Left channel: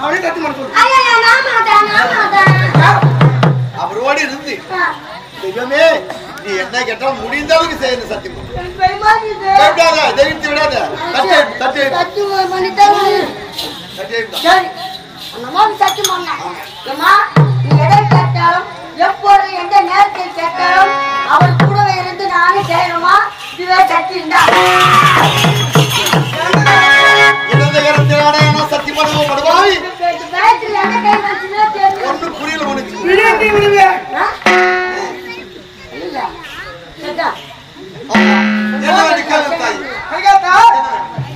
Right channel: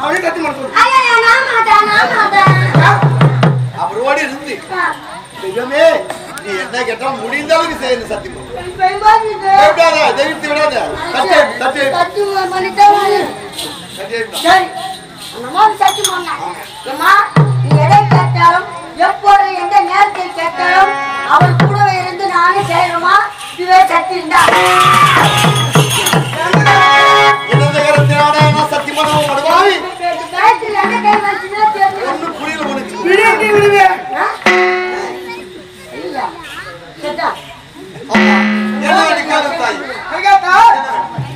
அவனே சத்தியம் பண்ண சொல்லு. அவர் ஓடி இருந்து தெய்வமே நீ என்ன கேட்டா முடிந்தளவுக்கு செய்யணும் சத்தியம் தைரியத்தை விடாத எப்போது எந்த நேரத்தில் கேட்டாலும் அவர் கூடவே இருந்து நானே செய்யணுமா இதுவே சக்தி இருந்தா சத்தியம் பண்ணுவோம் ஒன்னும் புரியல உனக்கு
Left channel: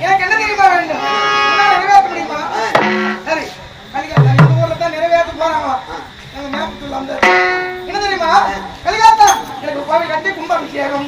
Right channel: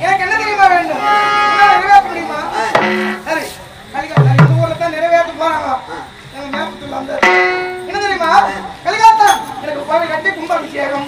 எனக்கு என்ன தெரியுமா வேண்டும் நிறைவேற்ற முடியுமா சரி கலிகாத்தா இந்த ஊர்ல தான் நிறைவேற்ற போறாங்களா மேப்பத்துல அந்த என்ன தெரியுமா கலிகாத்தா எனக்கு கோவில் கட்டி கும்பாபிஷேகம்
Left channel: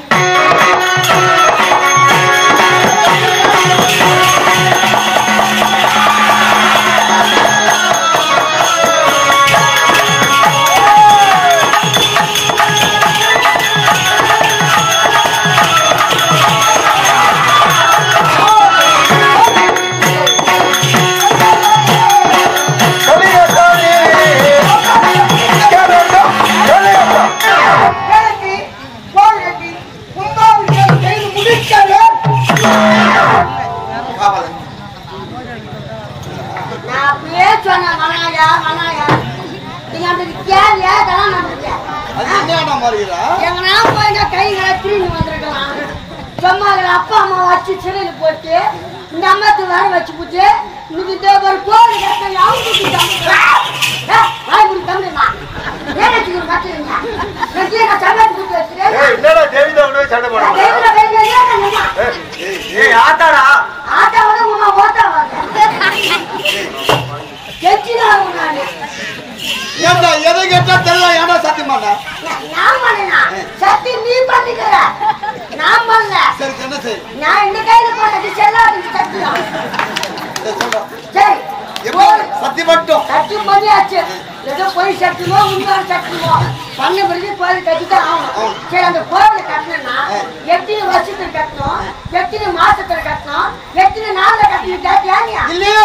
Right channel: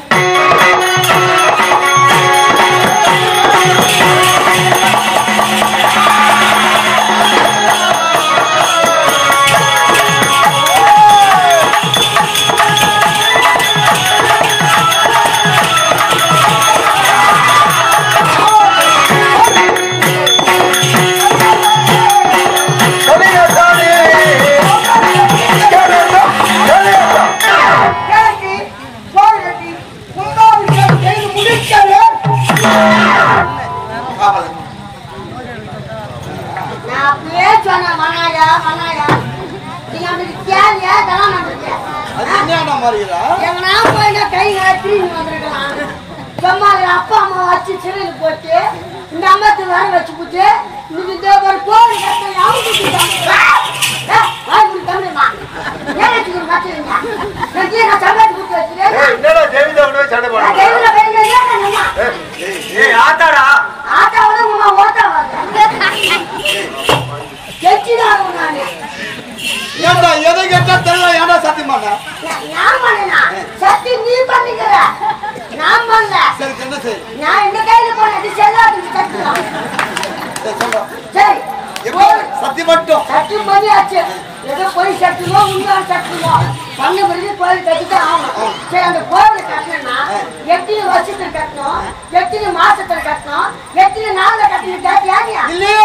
அப்பா அம்மா வச்சு சிறையில் போட்டு இந்த அம்மத்து வர வச்சு போட்டு இந்த ஒரு கோவில் எதை கேட்டா தெரியல ஏன்னா சத்தியம் பண்ண சத்தியம் நீ பண்ணிக்கிற நான் பண்ணல நான் இந்த கையில போனது செல்லாது சத்தியம் சரி சத்தியம் மட்டும் சத்தியம் பண்ணியாச்சு ஏதோ போய் சட்டுவோம் உண்மையான சட்டுவோம் பண்ண பிறகு கோயில் கட்டிதான் ஆகணும் சரி அந்த கோவில் கட்டணும்னா எத்தனை வருஷத்துல கட்டணும் எத்தனை மாசத்துல கட்டணும் எத்தனை நாள்ல கட்டணும் கேட்டியா இல்லையே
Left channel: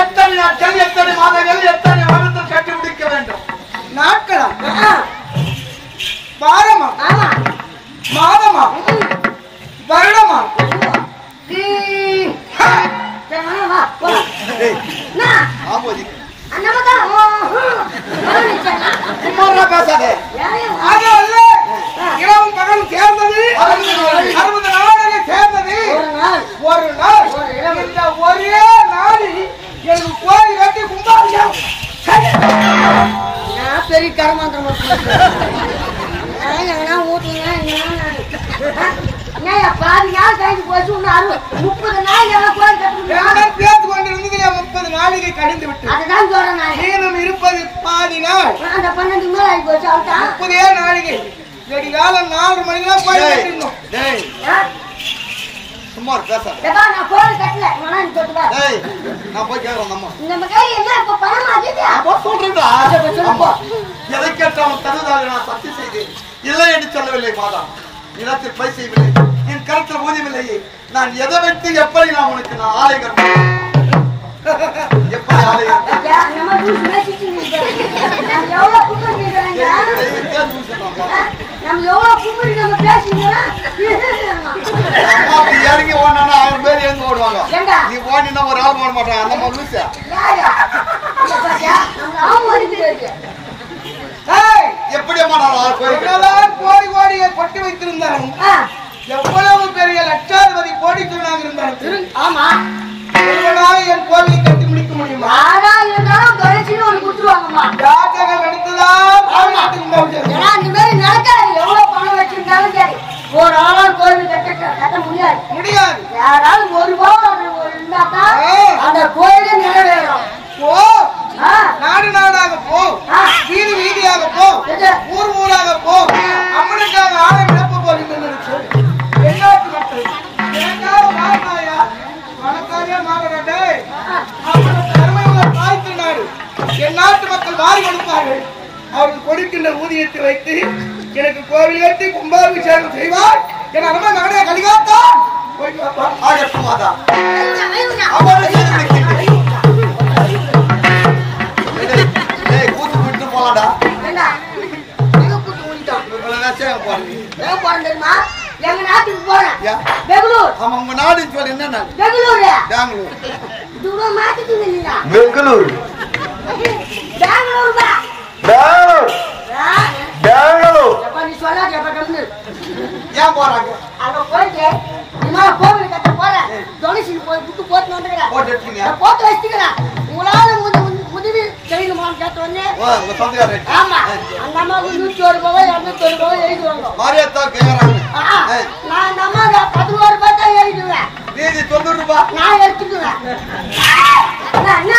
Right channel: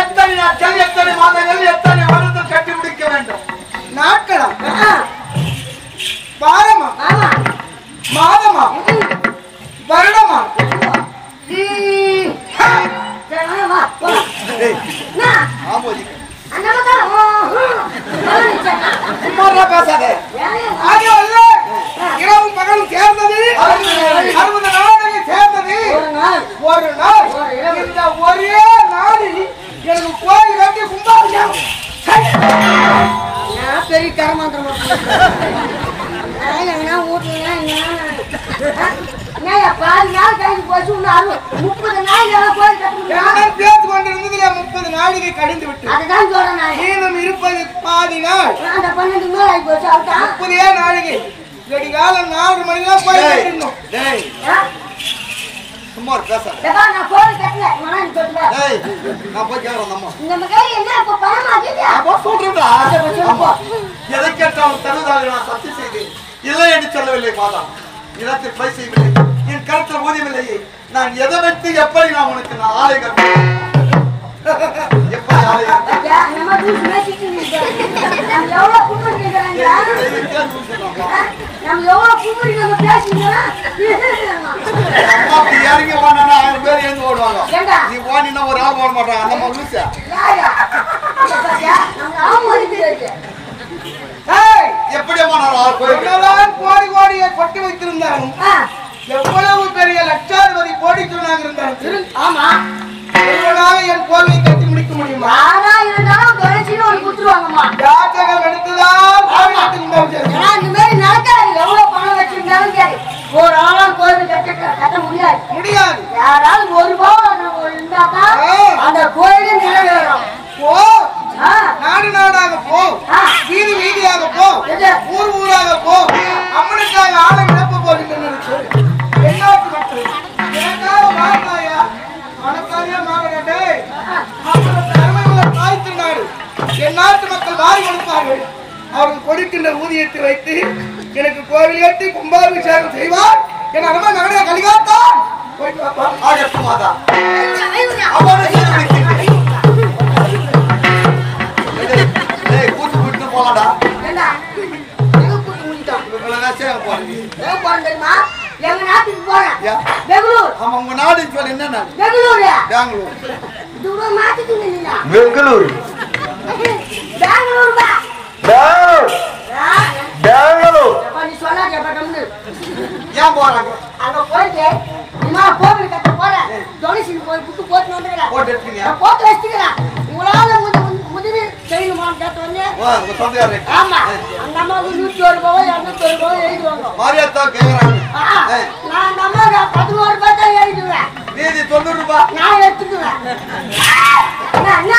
எத்தனை நாட்கள் எத்தனை மாதங்கள் எத்தனை வருடத்தில் கட்டி முடிக்க வேண்டும் நாட்களா வாரமா மாதமா வருடமா பேசாதே அது அல்ல இரவு பகல் சேர்ந்தது 60 நாடுகள் சேர்ந்தது ஒரு நாள் இந்த ஒரே நாளில் எனக்கு கோயில் கட்டி கும்பாபிஷேகம் பெரிய கரமாந்திரம் பாதி நாள் கழிந்து போச்சு 30 நாள் கோயில் கட்ட பேச்சு கொண்டிருந்ததுல 30 நாளிகை கழிந்து விட்டு அதுதான் சொல்றேன் மீதம் இருப்பது பாதி நாள் அந்த 12 நாள் ஆகி போச்சு அதுதான் 30 நாளிகை வெடிகாலம் 4 மணிக்கெல்லாம் கோயில் கட்டிடணும் சும்மா பேசாத நான் கோயில் கட்டல நான் போய் கேட்கிறேன் நம்ம இந்த கையில என்ன இப்ப பணம் ஆகிது சொல்றா எதை கேட்டாலும் தருவதாக நான் சத்தியம் செய்தேன் இல்லை என்று சொல்லவில்லை மாதா நிலத்தில் பை செய்யவில்லை என் கருத்தில் ஊதியமில்லையே நான் எதை வைத்து எப்படி நான் உனக்கு நான் ஆலை கட்டணும் எப்படி ஆலை இறங்கி ஓடனா 1000 பேர் எழுந்து ஓடுவாங்க நீ ஓடினா ஒரு ஆள் ஓட மாட்டாங்க அந்த மாதிரி எப்படியம்மா நான் கோடி கோடியை கொட்டி வைத்திருந்தாலும் எவ்வளவு பெரிய லட்சாதிபதி கோடித்துள்ளாக இருந்தாலும் ஆமா என் கோவிலை கட்டி முடிக்க முடியுமா யாரா இருந்தாலும் தொலைச்சின்னு ஒன்று கொடுத்துருவாங்கம்மா ஜாதகம் எடுத்துதான் இந்த மாதிரி நடக்காது எவ்வளவு பணம் வச்சிருந்தாலும் சரி ஒரு ஆளால் கோவில் கட்ட முடியாது யாராவது ஒரு ரூபாய் இருந்தாதான் அந்த கோயிலும் நிறைவேறும் போ நாடு நாடாக போ வீதி வீதியாக போ ஊர் ஊராக போ அம்மனுக்காக ஆலை விடப்ப போகின்ற என்னாட்டு மக்கள் எனக்காக மாறினாயா மனக்காரியா மாறடே அவர்களுக்கு அருமை உள்ள தாய் திருநாடு என் நாட்டு மக்கள் மாறி கொடுப்பார்கள் அவர்கள் கொடுக்கின்ற ஊதியத்தை வைத்து எனக்கு கோவில் ஏற்றி கும்பாபிஷேகம் செய்வார் என் அருமை மகனே கலிகாத்தான் போய் பாப்பா. ஆகட்டும் மாதா. ஐயோடா. அவ்வாறு செய்து முடிக்கின்றேன். ஏய், கூட்டு போலாம்டா. ஏண்டா, எங்க கூட்டு முடிட்டோம்? இவ்வளவுதான் சேவை போறீங்க. எங்க போறேன் தெரியுமா? எங்க நாட்டுக்கு போறேன். ஏன்? பெங்களூர். ஆமா, உங்க நாடுன்னு சொல்லி என்ன நாடு? பெங்களூரு. பெங்களூர். இது கூட மாத்திட்டீங்க நீங்க. பெங்களூர் பெங்களூர் தான். பெங்களூர் பெங்களூர் எப்ப நீ சொன்னா எப்ப கம்முனு. ஏன் போறாங்க? அங்க போயிட்டு இனிமே கோவில் கட்ட போறேன். டொனேஷன் போய் புட்டு போட்டு வந்துக்கிறேன். போட்டு எடுத்தீங்க. நான் போட்டு வச்சுக்கிறேன். உங்களால உதவி செய்யணுமான்னு கேட்ட உடனே உங்க சொந்தக்காரர் ஆமா அந்த அம்மாவுக்கு 101 ரூபாய் 201 ரூபாய் எழுதுவாங்க. மாரியாத்தா கேக்குறாங்க. நான் அந்த அம்மா 11 ரூபாய் தான் எழுதுவேன். மீதி 90 ரூபாய். நான் எடுத்துக்குவேன். என்ன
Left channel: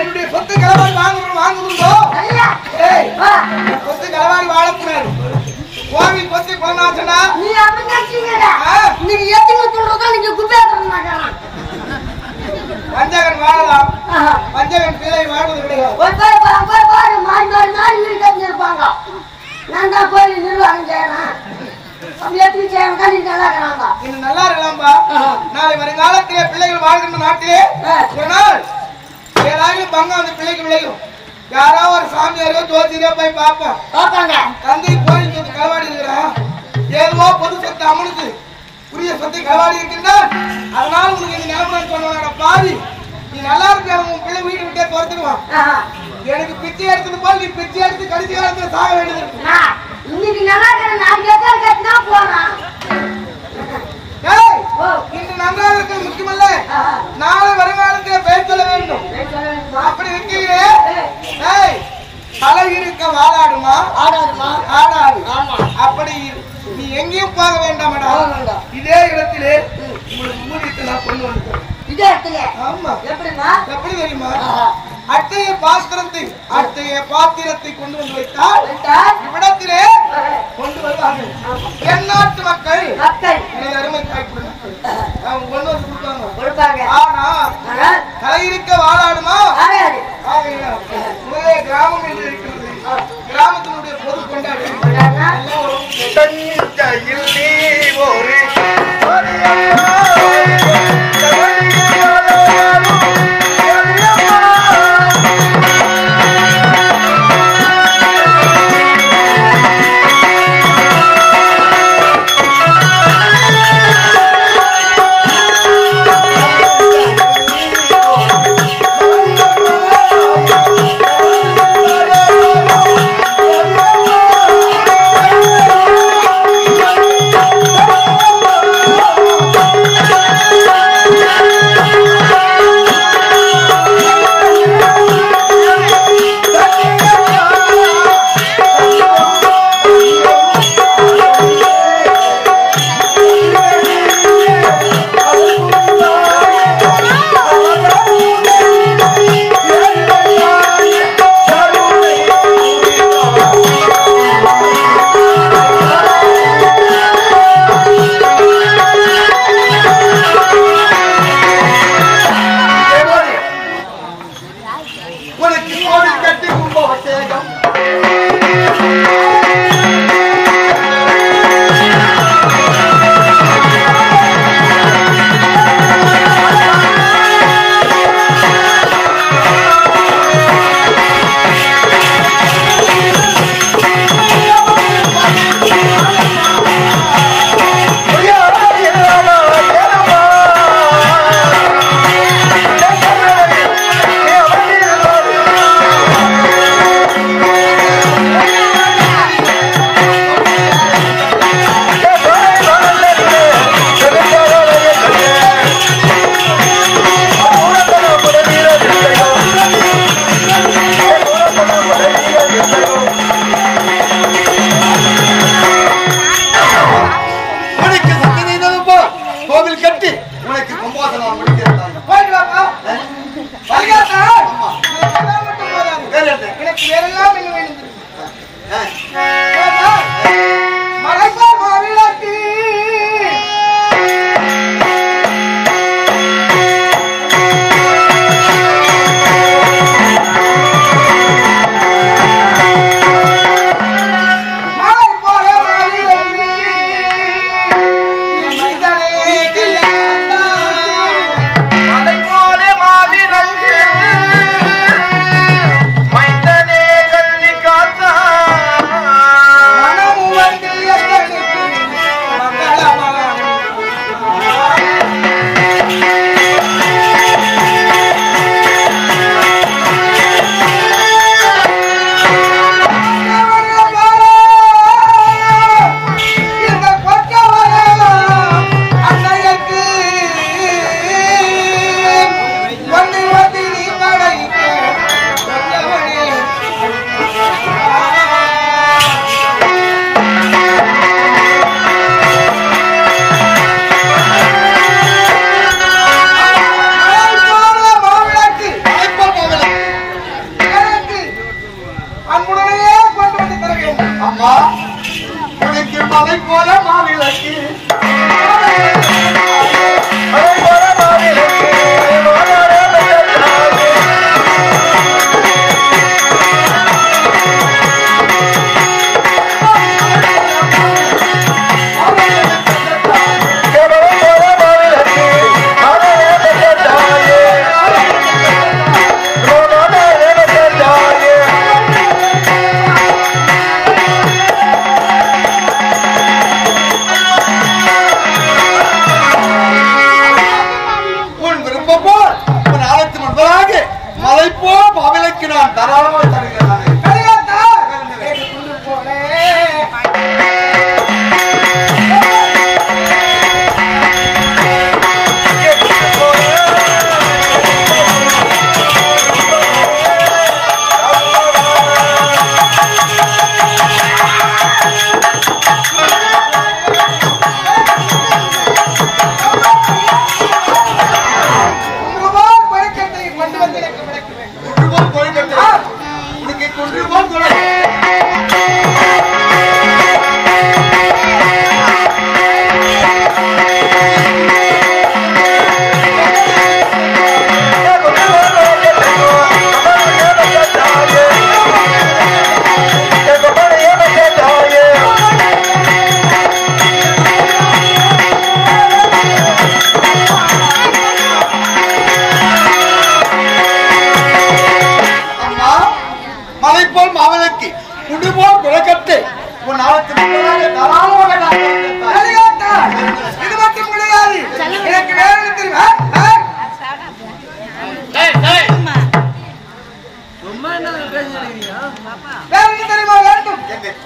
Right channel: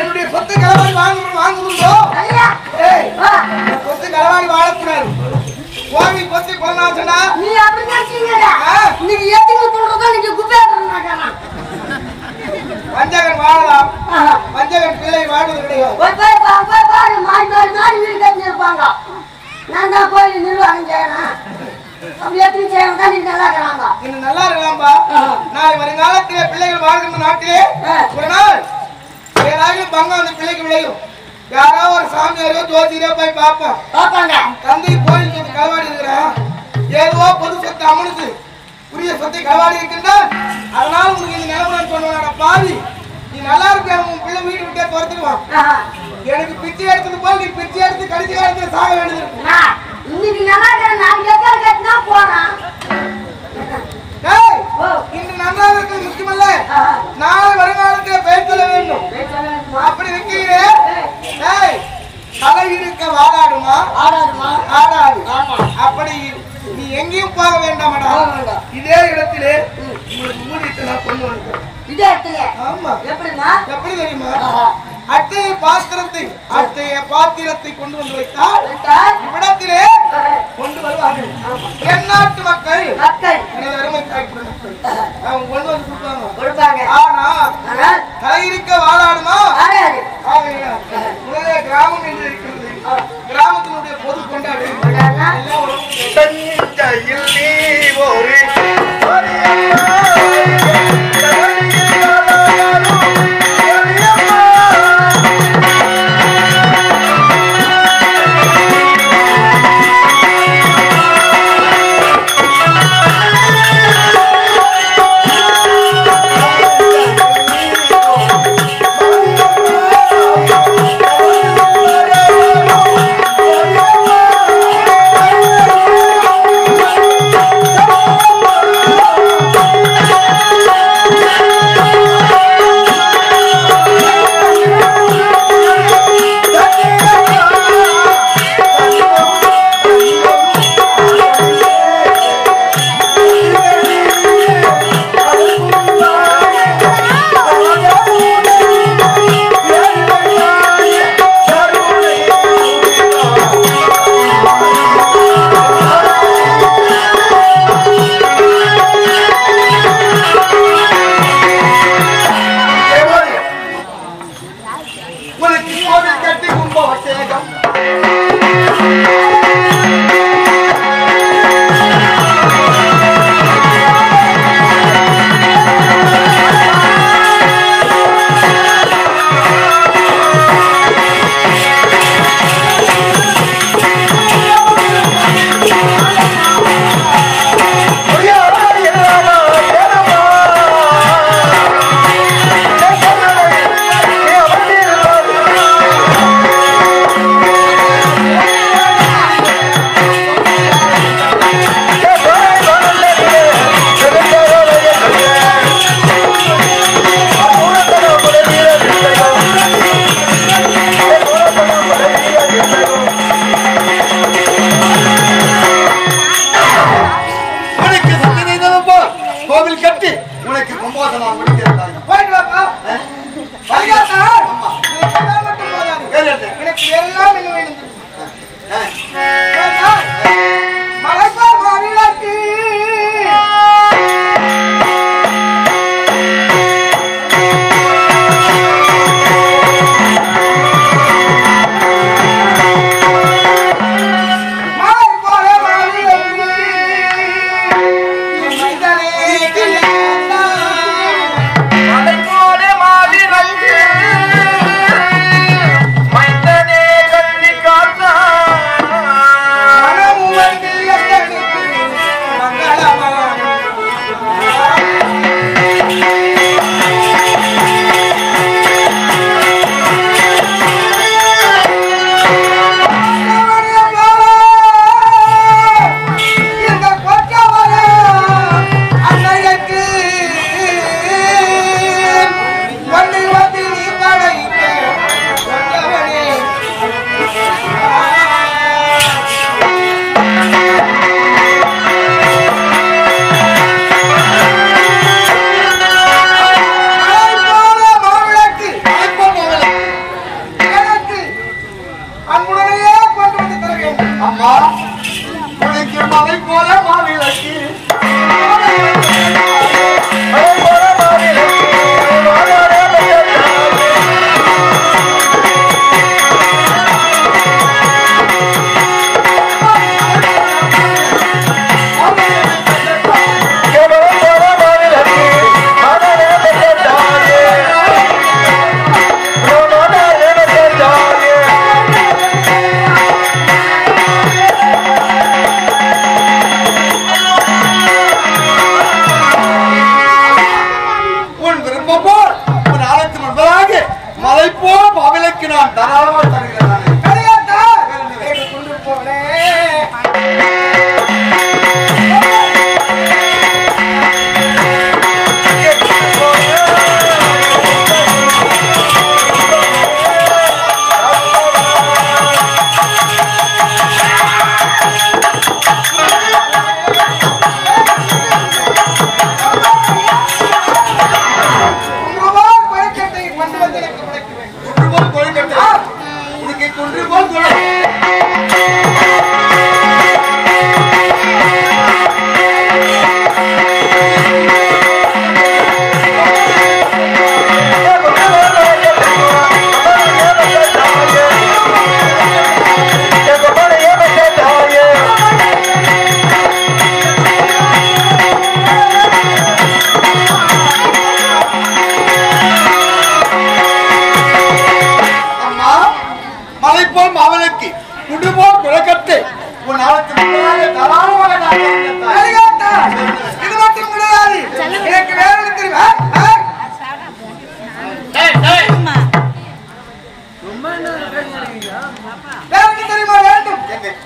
என்னுடைய சொத்து களவாடி வாங்கணும்டோ. ஐயா ஏய், சொத்து களவாடி வாழக்கூடாது. கோவி கொத்தி குலநாசனா. நீ அப்படி நினைச்சீங்கடா. ஆ. நீங்க எத்தனை சொல்றதோ நீங்க குப்பை பண்ண மாட்டாங்க. வஞ்சகன் வாழலாம், வஞ்சகன் பிள்ளை வாழ்வது கிடையாது. போய் பாரு மாறி வீடு கட்டி இருப்பாங்க. நான் தான் கோயில் நிர்வாகம் செய்யறேன். அப்படி எப்படி செய்யணும் தான் நீங்க நல்லா இருக்கிறாங்க. இன்னும் நல்லா இருக்கலாம்பா. நாளை வருங்காலத்திலே பிள்ளைகள் வாழ்கின்ற நாட்டிலே ஒரு நாள் ஏதாவது பங்கம் அந்த பிள்ளைக்கு விளையும். யாரோ ஒரு சாமியாரோ ஜோதியரோ போய் பார்ப்போம். பார்ப்பாங்க. தந்தை கோயில் சொத்து களவாடி இருக்கிறான். ஏதோ பொது சொத்து அம்மனுக்கு உரிய சொத்தை களவாடி இருக்கின்றான். அதனால உனக்கு இந்த நிலமுறை சொல்லுவாங்க. பாவி, நீ நல்லா இருக்க, உன் பிள்ளை வீடு விட்டே துரத்துக்குவான். எனக்கு பிச்சை எடுத்தது போல் நீ பிச்சை எடுத்து கடைசி காலத்துல சாக வேண்டியது இருக்கு. இன்னைக்கு நல்லா இருக்கிறேன். நாளைக்கு எத்தனை கட்டினா போறேன். ஏய், இன்று நன்றாக இருக்கிறது முக்கியமல்ல, நாளை வருங்காலத்தில் பெயர் சொல்ல வேண்டும். அப்படி வைக்கிறீரே. ஏய், தலை இருக்க வாழாடுமா? ஆடாதுமா? ஆடாது. ஆமா. அப்படி நீ எங்கேயும் போக வேண்டாமடா. இதே இடத்திலே உங்களுக்கு மூடிட்டு நான் கொண்டு வந்துட்டேன். இதே இடத்துல ஆமா. எப்படிமா? எப்படி தெரியுமா? அட்டைய பாத்திரத்தை கொண்டு வந்து வைத்தால் இவ்விடத்திலே கொண்டு வருவார்கள். என் நாட்டு மக்கள் எனது அருமை தாய்ப்புடன் மக்கள் அவங்க கொண்டு வந்து கொடுப்பாங்க. ஆனா தலையிருக்க வாழாடுமா? முதலே கிராமம் என்று இருக்கிறது. கிராமத்தினுடைய பொது கொண்டாடு எல்லாம் ஒரு தஞ்சையில் நீ ஒரு அன்புடனே கொண்டு வந்து தர வேண்டும். அம்மா உனக்கு மலை போல மாவிளக்கு மலை போ மாவிளக்கு நான் தாராளமாக தருகிறேன். கொண்டு போலே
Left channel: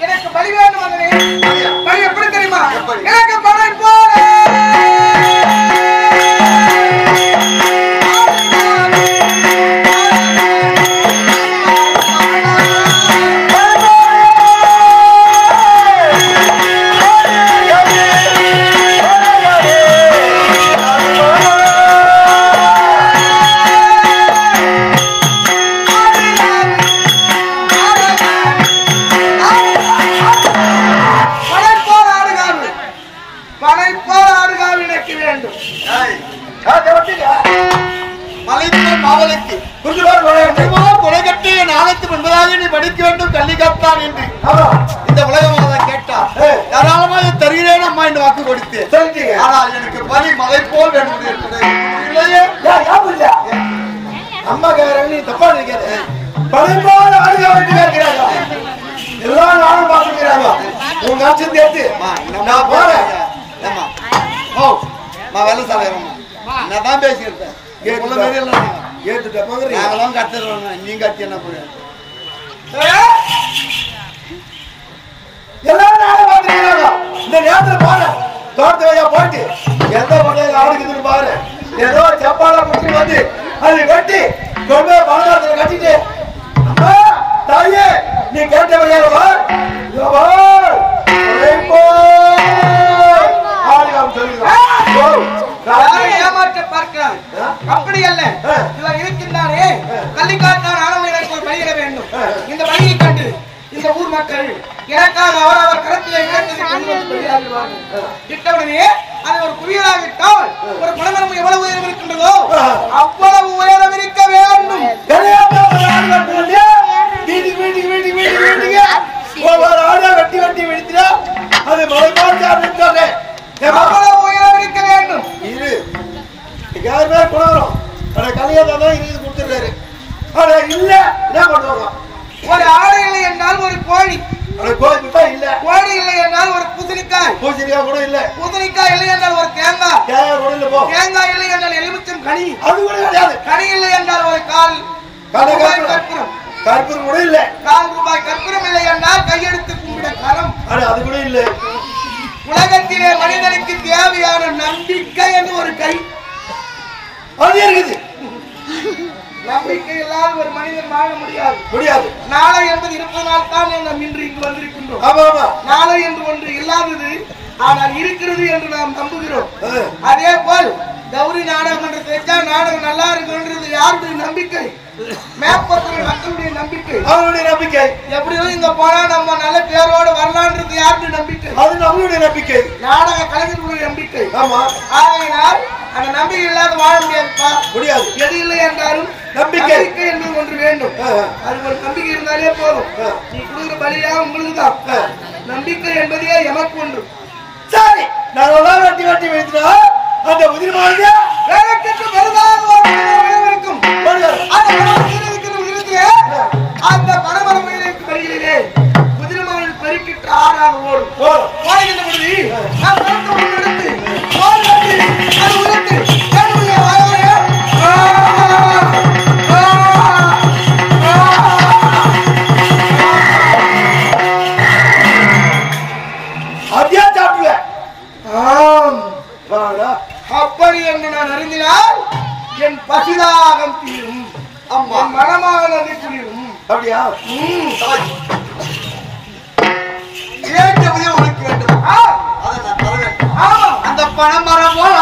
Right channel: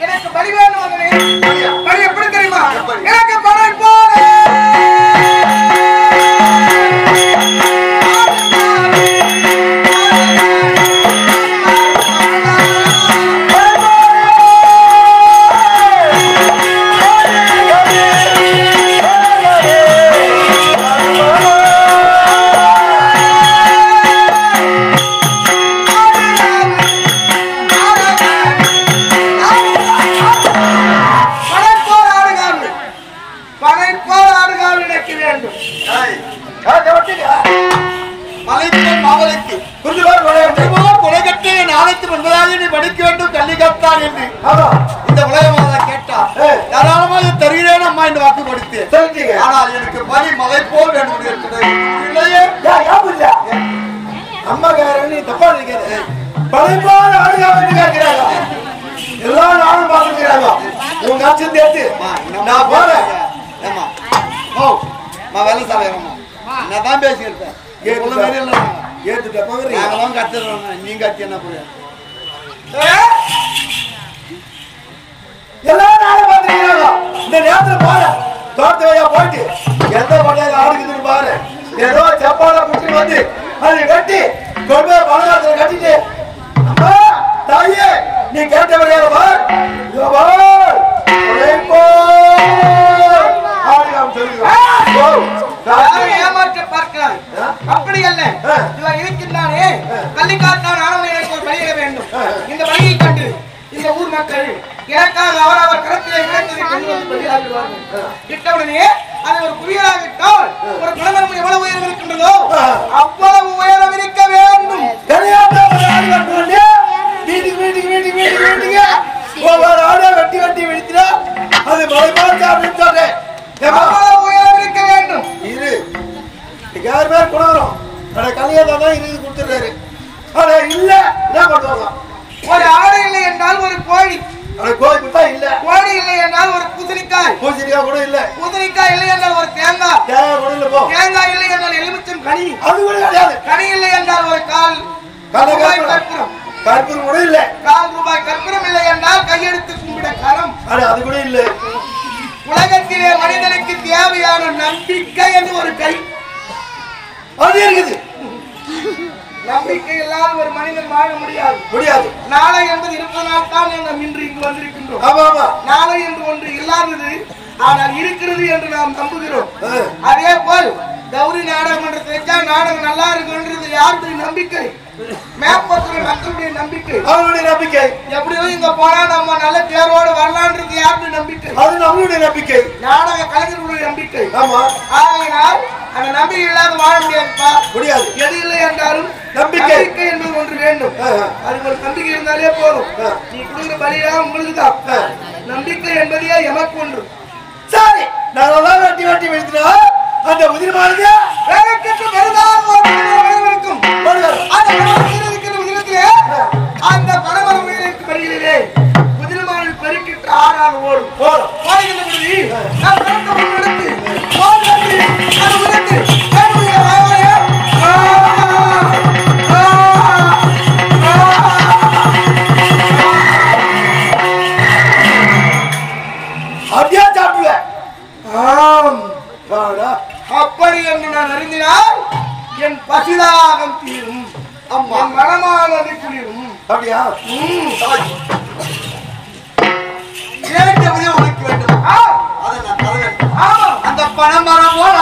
எனக்கு பலி வேண்டும் மகனே. பலி எப்படி தெரியுமா? எனக்கு பணை போடு. படிக்க வேண்டும் கல்வி கற்றான் என்று இந்த உலகமாக கேட்டார். தாராளமாக தருகிறேன் அம்மா என்று வாக்கு கொடுத்து, ஆனால் எனக்கு பலி மலை போல் வேண்டும் அம்மா கேட்கறாங்க. நீ தப்பா நினைக்காத. பலி போல் ஆடுகா வேண்டி கேட்கிறாங்க. எல்லா நாளும் பார்த்துக்கிறாங்க. உங்க அச்சம் தேர்த்து நான் போறேன். வேலை சாலையம்மா நான் தான் பேசியிருப்பேன். ஏத்துட்ட போங்க நாங்களாம் கத்துறோம். நீங்க கட்டி என்ன போறேன் எல்லா நாளும் பாத்துக்கிறாங்க. இந்த நேரத்துல பாரு தோட்டத்து வழியா போயிட்டு எந்த பண்றது ஆடுக்குதுன்னு பாரு. ஏதோ சப்பாடா புட்டு வந்து அது கட்டி கொண்டு போய் பணக்காரத்துல கட்டிட்டு அம்மா தாயே நீ கேட்ட வழியால பார் ஏமாற்ற பார்க்கிறார். அப்படி அல்ல, இவர் இருக்கின்றாரே கள்ளிக்காட்டான் ஆனவன் எனக்கு ஒரு பலியிட வேண்டும். இந்த பலியை கண்டு இந்த ஊர் மக்கள் எனக்காக அவர் கரத்திலே கிடைத்ததை கொண்டு வந்து பலியாகிறார்கள். இட்டவுடனே அது ஒரு குவியலாகிட்டால் ஒரு பணமரம் எவ்வளவு உயரம் இருக்கின்றதோ அவ்வளவு உயரம் இருக்க வேண்டும். வெட்டி வெட்டி விழித்தா அது மலை அவ்வளவு உயரம் இருக்க வேண்டும். இரு யார் மேல கொடுக்குறோம். கல்யாணம் தான் இது கொடுத்துருக்காரு. ஆனா இல்ல என்ன பண்ணுவாங்க. ஒரு ஆடு இல்லை என்றால் ஒரு கோழி, கோழி குட்டா இல்ல. கோழி இல்லை என்றால் ஒரு பூசணிக்காய், பூசணிக்காய் கூட இல்ல. பூசணிக்காய் இல்லை என்றால் ஒரு தேங்காய், தேங்காய் கூட இல்ல. போ தேங்காய் இல்லை என்றால் எலுமிச்சம் கனி, அது கூட கிடையாது. கனி இல்லை என்றால் ஒரு கால் ரூபாய் கற்பூரம், கற்பூரம் கூட இல்ல. ₹1 கற்பூரம் இல்லை என்றால் கையெடுத்து கும்பிட கரம், அது கூட இல்ல. உலகத்திலே மனிதனுக்கு தேவையான நம்பிக்கை என்று ஒரு கை அது இருக்குது. நம்பிக்கை இல்லாத ஒரு மனிதன் வாழ முடியாது. நாளை என்பது இருப்பதனால் தான் நாம் இன்று இங்கு வந்திருக்கின்றோம். நாளை என்று ஒன்று இல்லாதது, ஆனால் இருக்கிறது என்று நாம் நம்புகிறோம். அதே போல் கௌரி நாடகமன்றத்தை வச்சா நாடகம் நல்லா இருக்குன்றது யாருடைய நம்பிக்கை? மேற்பத்தில் மக்களுடைய நம்பிக்கை, அவருடைய நம்பிக்கை. எப்படியோ இங்க போனா நம்ம நல்ல தேர்வோடு வரலான்றது யாருடைய நம்பிக்கை? அது நம்மளுடைய நம்பிக்கை, நாடக கலைஞர்களுடைய நம்பிக்கை. ஆகையினால் அந்த நம்பிக்கை இல்லாத வாழ முடியாதுப்பா, முடியாது. எது இல்லை என்றாலும் நம்பிக்கை என்பது ஒன்று வேண்டும். அது ஒரு நம்பிக்கை இருந்தாலே போதும். நீ கொடுக்குற பலியாக உங்களுக்கு தான். நம்பிக்கை என்பதே எமக்கு ஒன்று. சரி, நாங்கள் வெட்டி வெட்டி வைக்கிறோம். அந்த உதிரமானது வேலைக்கு வருதாக இருக்கும். அந்த பரமர உயிருக்கு பருகிலே குதிரமானது பெருக்கிட்டு ஆறாக ஓடும். ஓடுகின்ற பொழுது அப்படியே சாப்பிடுவேன். அப்படி என்று நான் அறிந்தினால் என் பசிதாகம் தீரும், என் மனமானது குளிரும். அப்படியா? உனக்கு வேண்டும், அதை நான் தர வேண்டும். ஆமா, அந்த பணமரம் போல்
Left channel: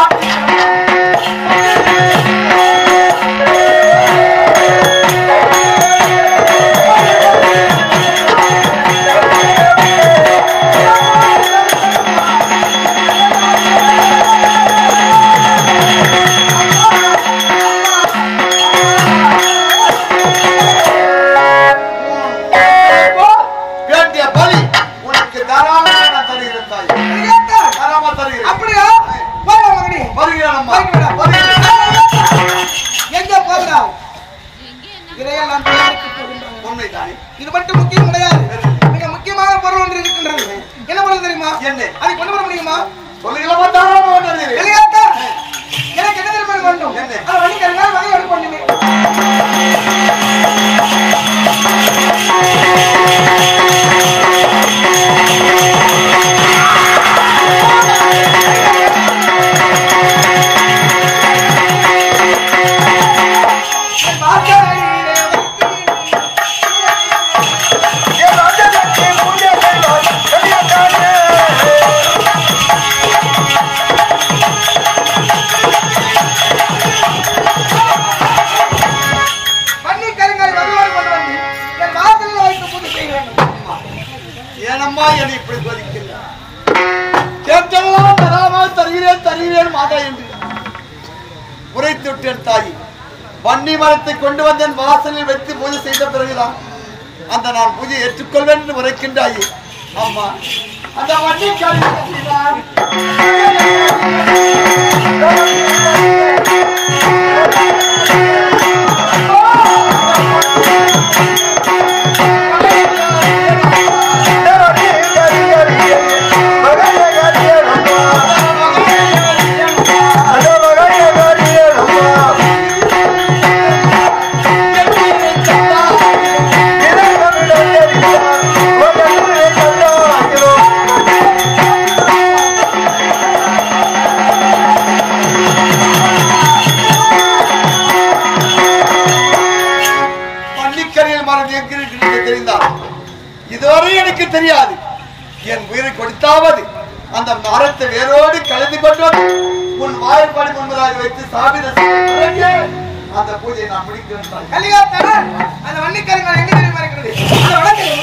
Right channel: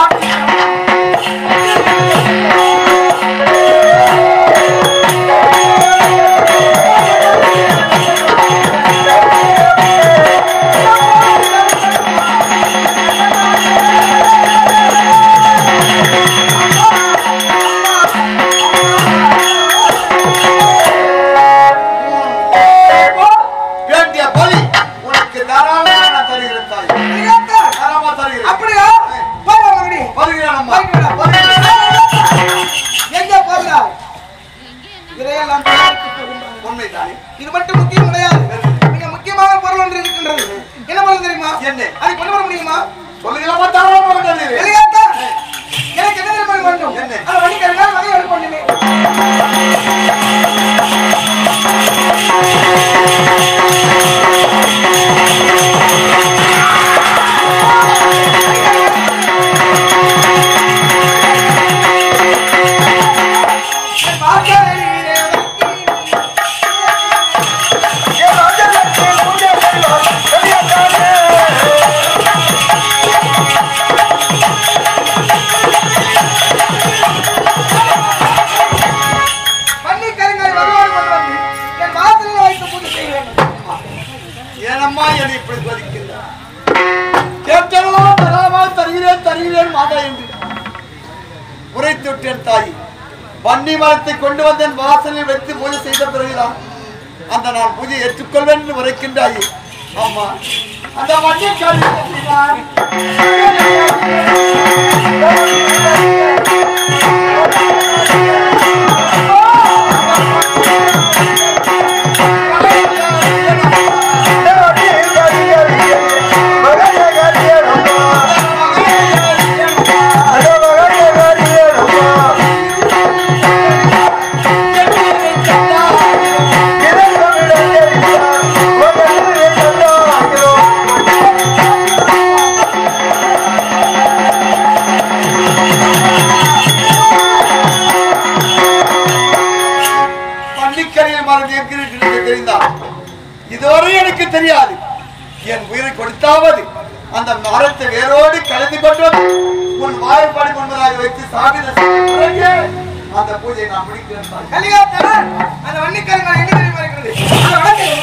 இது மட்டும் முக்கியம் கிடையாது. மிக முக்கியமான பொருள் ஒன்று இருக்கின்றது. என்ன பொருள் தெரியுமா? அதை கொண்டு வர முடியுமா? எனக்கு என்ன தெரியுமா வேண்டும்? அதை வழிகறினால் வகை எடுக்க பண்ணுமே. வன்னி மரத்தை கொண்டு வந்தேன், வாசலில் வைத்து பூஜை செய்த பிறகுதான் அந்த நான் பூஜை ஏற்றுக்கொள்வேன் என்று உரைக்கின்றாயே. அம்மா, அந்த வன்னி இதுவரை எனக்கு தெரியாது. என் உயிரை கொடுத்தாவது அந்த மரத்தை வேரோடு கலந்து கொண்டு உன் வாய்ப்பாடு முன்பதாக வைத்து சாபித அந்த பூஜை நான் முடிக்கிறேன். அந்த வன்னிக்கருங்கள் எங்க தெரியுமா இருக்கிறது? அந்த வடக்கில்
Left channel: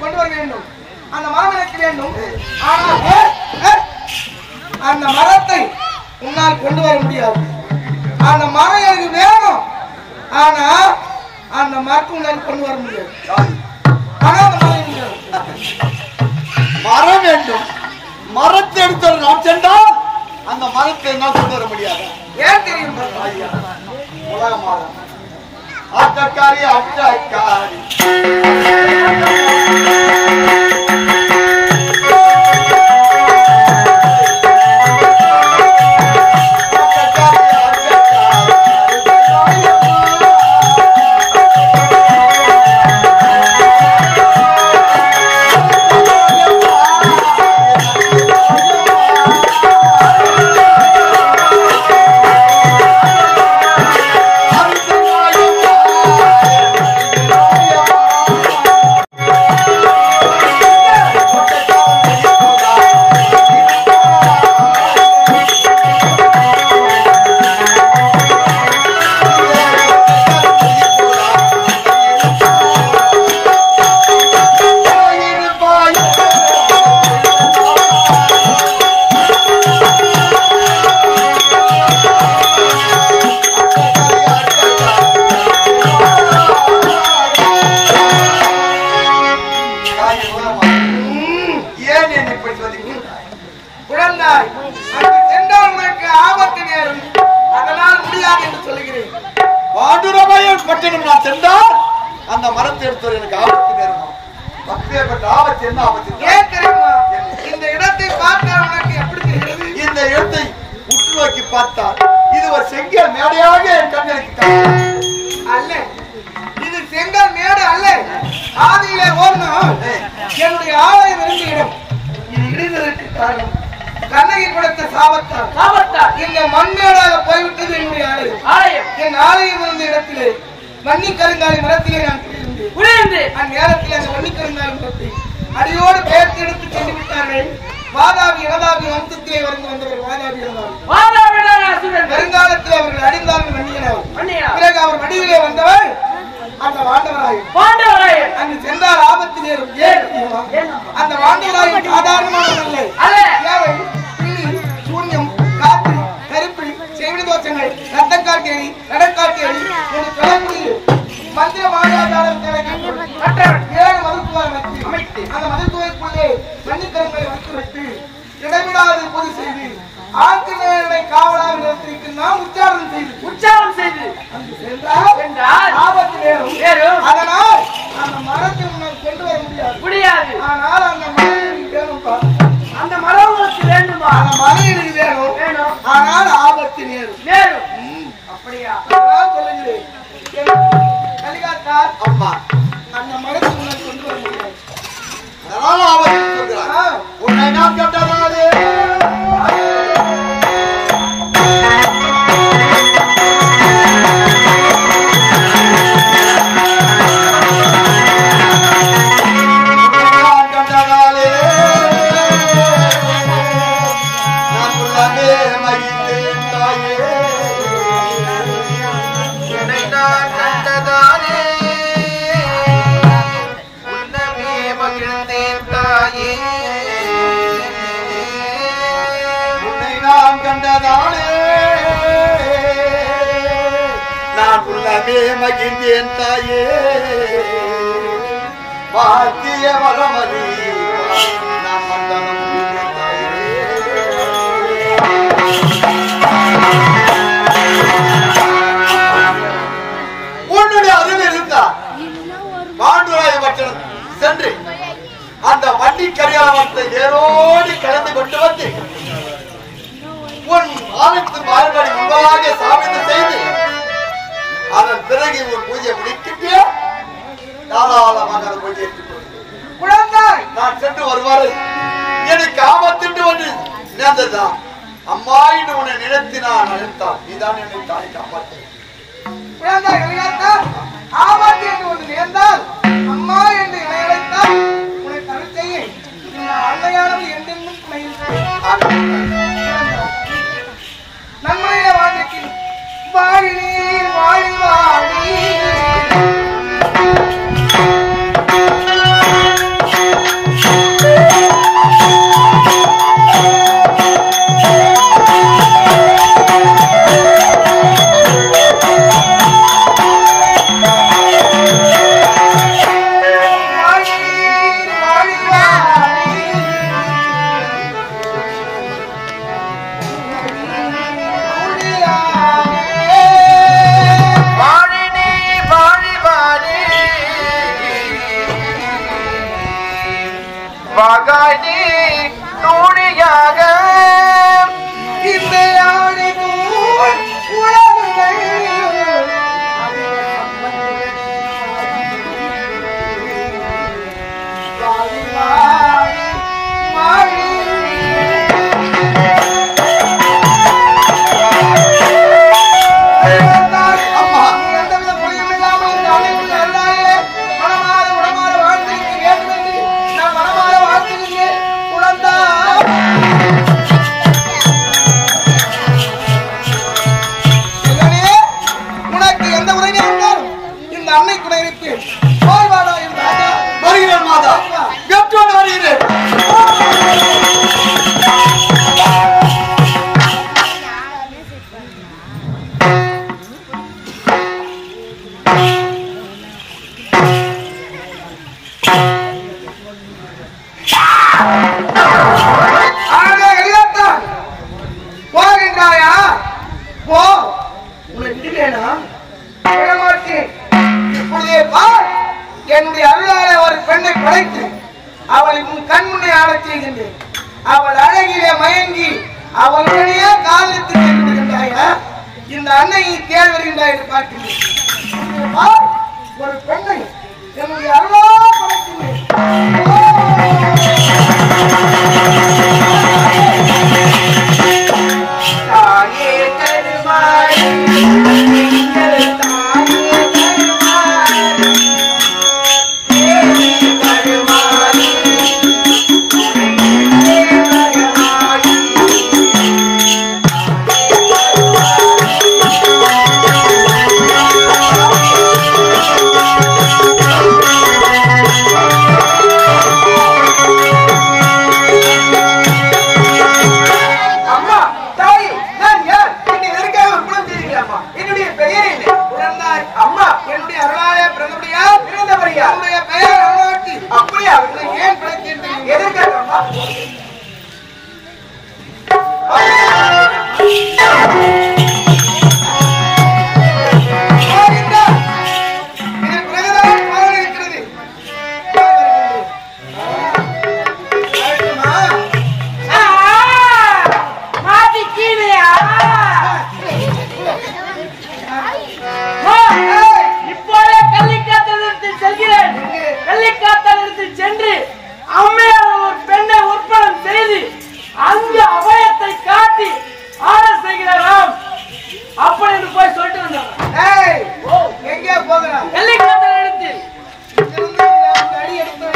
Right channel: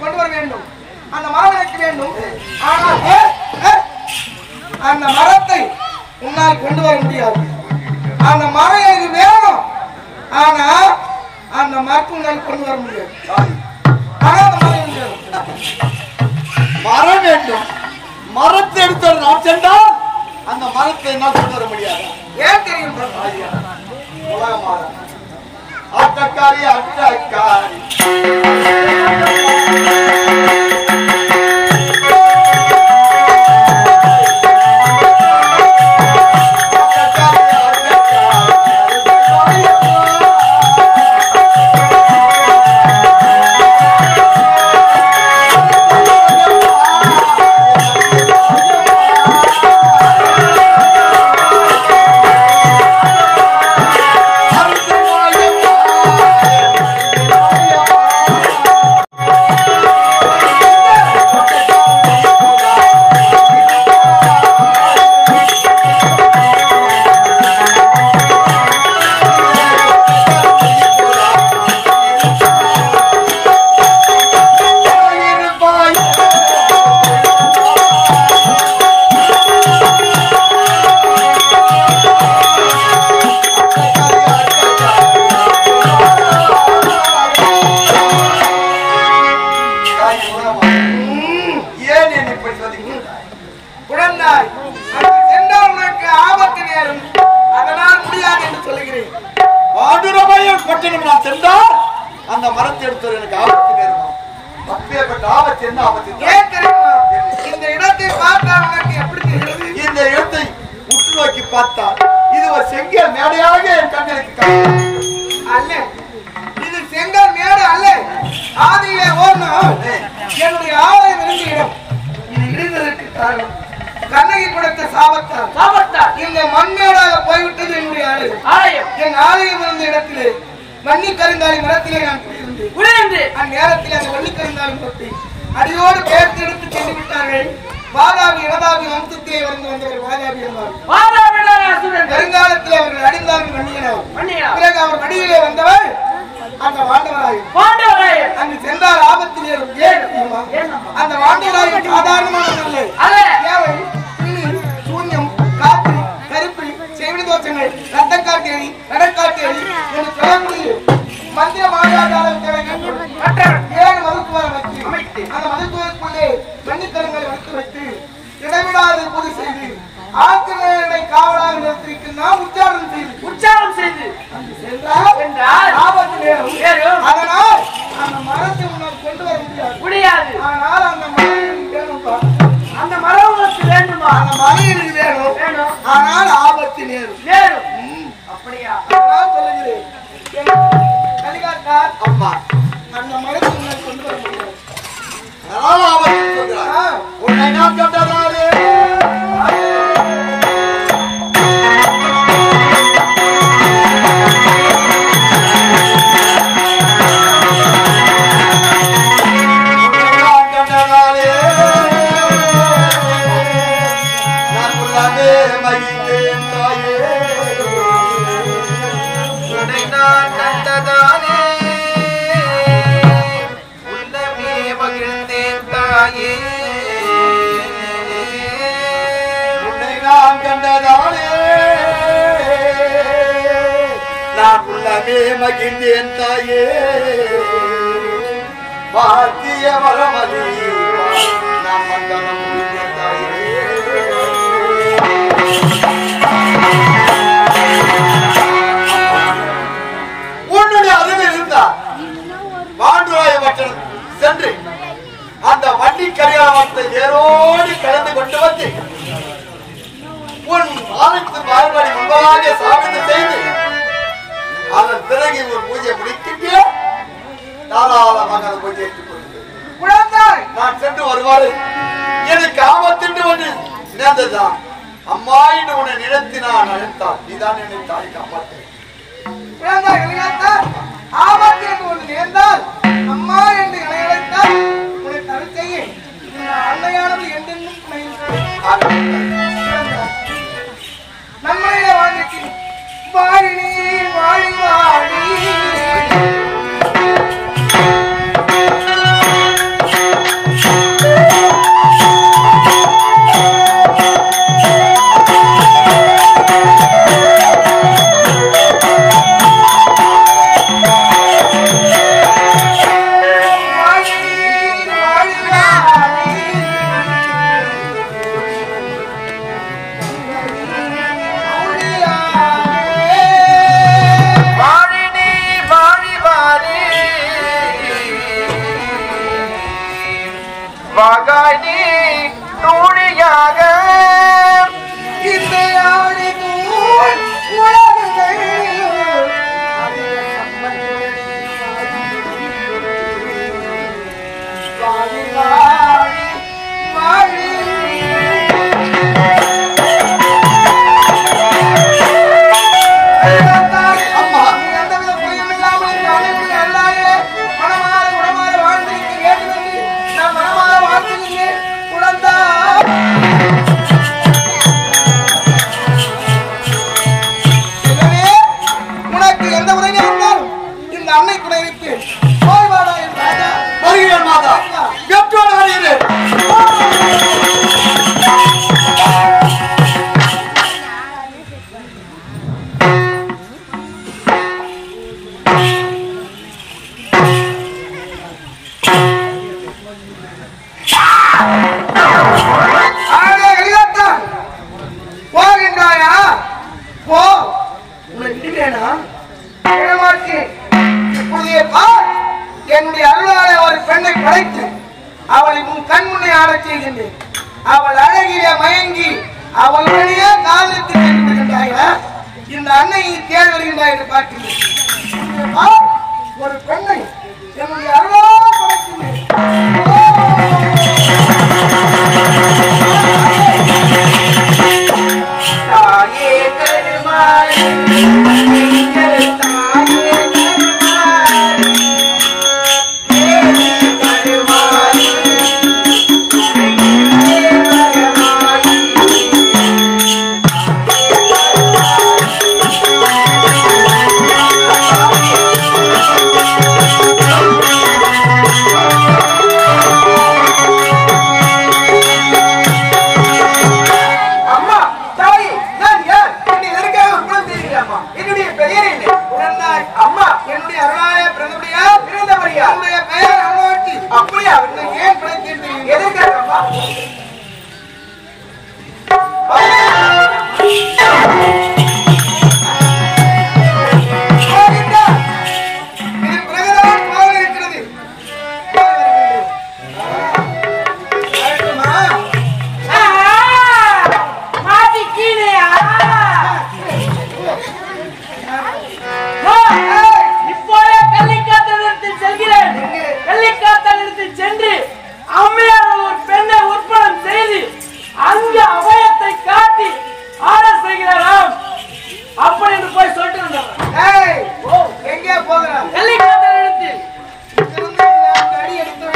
கொண்டு வர வேண்டும். அந்த மரம் எனக்கு வேண்டும். ஆனால் அந்த மரத்தை உன்னால் கொண்டு வர முடியாது. அந்த மரம் எனக்கு வேணும். ஆனா அந்த மரத்தை உன்னால் கொண்டு வர முடியாது. ஆனா அந்த மரம் மரம் வேண்டும். மரத்தை எடுத்து நான் சென்றால் அந்த மரத்தை என்னால் கொண்டு வர முடியாது. ஏன் தெரியும்? உலக மரம் அட்டக்காரி அட்டக்காரி அந்த மரத்தை எடுத்து எனக்கு ஆபத்து நேருமா? அப்பேற்பட்ட ஆபத்து என்ன ஆபத்து? ஏன் தெரியுமா? இந்த இடத்தை பார்த்தால் உனக்கு எப்படி தெரிகிறது? இந்த இடத்தை உற்று நோக்கி பார்த்தால் இது ஒரு செங்கல் மேடையாக என் கண்களுக்கு அல்ல, இது செங்கல் மேடு அல்ல. ஆதியிலே ஒரு நாள் என்னுடைய ஆலயம் இருந்த இடம் இது இடிந்ததற்கு காரணம் கண்ணகி கொடுத்த சாபத்தால் இந்த மண்மேடாக போய்விட்டது என்னுடைய ஆலயம். என் ஆலயம் இருந்த இடத்திலே வன்னி கருந்தாலி மரத்திலே நான் குடியிருந்தேன். அந்நேரத்தில் அந்த வன்னி கருந்தாலி மரத்தை அடியோடு பெயர்த்து எடுத்து சென்று விட்டார்கள். வாதாபி இனதாபி வம்சத்திலே வந்தவர் வாதாபி வருங்காலத்தில் அவர்கள் அடிந்தார்கள் வன்னியனார். பிறகு அவர் வடிவிலே வந்தவர் அந்த வாண்டவராயர். அங்கு சென்றால் ஆபத்து நேரும். அந்த வாண்டவராயர் சாதாரணமானவர்கள் அல்ல. ஏவை, பில்லி, சூன்யம், காத்து, கருப்பு, செவிடு தோஷங்கள், ரத்தக்காட்டேரி, நடக்காட்டேரி என்று சொல்லக்கூடிய மந்திர மாயாஜாலத்தை 7 மருத்துவம் அமைத்து அந்த மருத்துவருக்குள்ளே மன்னிக்கரங்களை வைத்து இடைவிடாது பூஜை செய்து ஆங்கிலேயனை காவலாக நிறுத்திருக்கின்றான். உச்சாரணம் செய்து அங்கு சென்றால் ஆபத்து நேரும். அதனால் அந்த மரத்தை முன்னால் கொண்டு வர முடியாது. ஆனால் அந்த மரம் வேணும்பா. அந்த மரம் உங்களுக்கு வேண்டுமா? அந்த மரம் எனக்கு வேணும். ஆனால் ஆபத்து நேரும். அப்படியா? சொல்லுகிறேன் கலிகாத்தார். அம்மா, அந்த மரத்தை முன்னால் கொண்டு வர முடியாது. அதனால ஆபத்து சொல்கிறார். உன்னை நான் கண்டதாலே நான் உள்ளமே மகிழ்ந்தேன் தாயே. பாக்கிய வரமதி நான் மந்தனம் தாயே. உன்னுடைய அறிவு இருந்தா பாண்டுராய வச்சனம் சென்று அந்த வண்டி கரியாமத்தை ஏரோடி கலந்து கொண்டு வந்து உன் ஆலயத்தின் வாழ்வழி முன்பதாக சாப்பிட்டு செய்து அதன் பிறகு ஒரு பூஜை முடிக்கிட்டு தாராளமாக அந்த பூஜை ஏற்றுக்கொள்கிறேன். குழந்தாய், நான் சென்று வருவாரு எனக்கு ஆபத்துண்டு ஒன்று நேர்ந்ததுதான். அம்மா என்று உன்னை நினைத்து நான் அழைத்தால் நீதான் என்னை தாய் காப்பாற்று. குழந்தாய் கலிகாத்தார், ஆபத்து என்று ஒன்று நேர்ந்தால் அம்மா என்று என்னை அழைத்தால் உன்னை தவிர செய்ய அன்னையானவள் என்றென்றும் நன்மையில வாழ்க்கையில் வாழினே வாழி வாழி அவள் அழகிலே மயங்கி அவளுடைய காதலித்து வருகின்றாய இந்த அன்னையை தேடி வருகின்றாய் என்று பார்க்கிறேன். ஒரு பெண்ணை என்னுடைய அருளா படைக்கிறேன். தாயே தருமாய் சென்று அம்மையார் ஒரு பெண்ணை உற்படம் செய்து அந்த அபயத்தை காட்டி ஆர்டர் செய்கிறாராம். அப்படி என்று போய் சொல்லிட்டு வந்தார். எங்கே போகிறான்? வெள்ளிக்காத்தல் எடுத்து அடி எடுத்து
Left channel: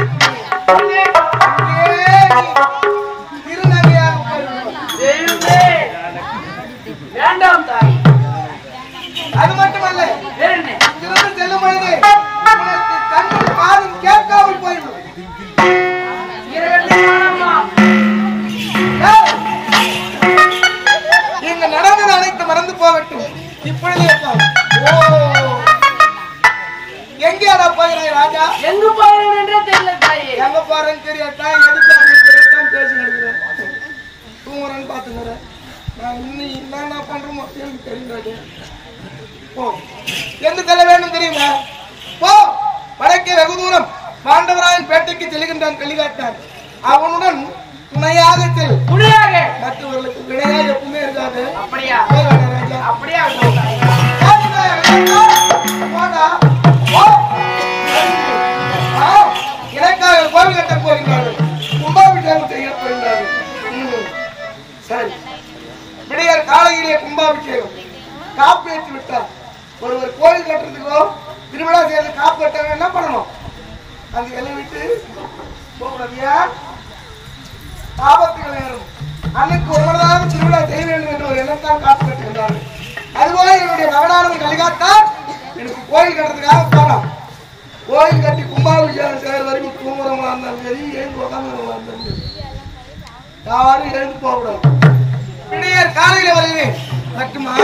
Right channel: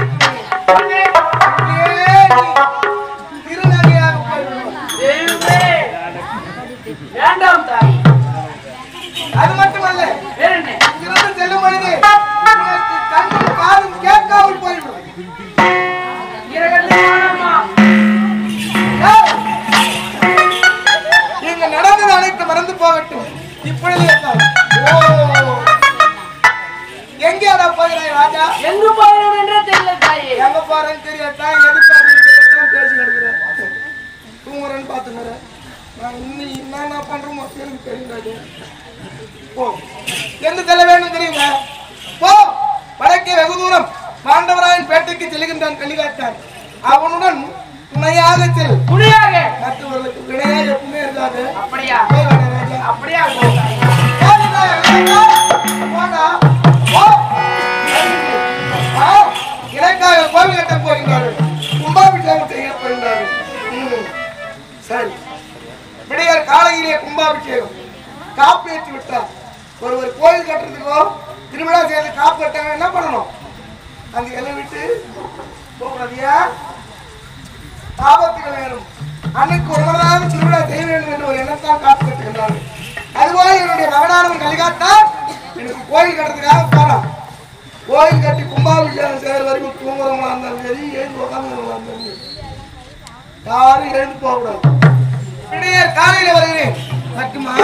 திருநகையாக போய்விடுவான். வேண்டாம் தாய். அது மட்டுமல்ல, வேற என்ன? இங்கிருந்து செல்லும் பொழுது உனக்கு கண்ணும் காதும் கேட்காமல் போய்விடும். இங்க நடந்தது அனைத்து மறந்து போகட்டும். இப்பொழுதே எங்கேடா போகிறாய் ராஜா? எங்க போகிறேன் என்றே தெரியல தாய். எங்க போறேன்னு தெரியாதான், எதுக்காக தெரியாதான் பேசி கிடக்குறேன். தூங்குறேன்னு பாத்துக்கிறேன். நான் இன்னும் என்ன பண்றோமோ எனக்கு தெரியாது. போ, எங்க செல்ல வேண்டும் தெரியுமா? போ, வடக்கே வெகு தூரம் பாண்டவராயன் பேட்டைக்கு செல்கின்றான் கலிகாட்டான். அவனுடன் துணையாக செல். துணையாக? மற்றவர்களுக்கு வினையாக எப்பவுமே இருக்காது. அப்படியா? ராஜா அப்படியா? எனக்காக கோவில் கட்ட போகின்றார்கள். கும்பாபிஷேகம் செய்ய போகின்றார்கள். சரி, விடையார் காலையிலே கும்பாபிஷேகம் காப்பு ஏற்றி விட்டார். ஒரு கோயில் கட்டுறதுக்கோ திருவிழா செய்யறது காப்பு கட்டாங்க என்ன பண்ணணும்? அங்க எல்லாம் விட்டு போகக்கூடாதியா, ஆபத்துகள் ஏறும். அன்னைக்கு ஒரு மனதாக திருவிழா செய்ய வேண்டும் என்று ஒரு எண்ணத்தால் காப்பு கட்டுகின்றார்கள். அதுபோல என்னுடைய மகனானவன் கலிகாத்தான் எனக்கு கோயில் கட்டுறதுக்காக போறான். கோயில் கட்டி கும்பாபிஷேகம் செய்கிற வரைக்கும் தூங்குறவங்களா இருந்தாலும் சரி, எழுந்து உட்காந்துறவங்களா இருந்தாலும் சரி, யாரும் எழுந்து போகக்கூடாது. இடையர் காலையில வருகிறேன் மட்டுமா?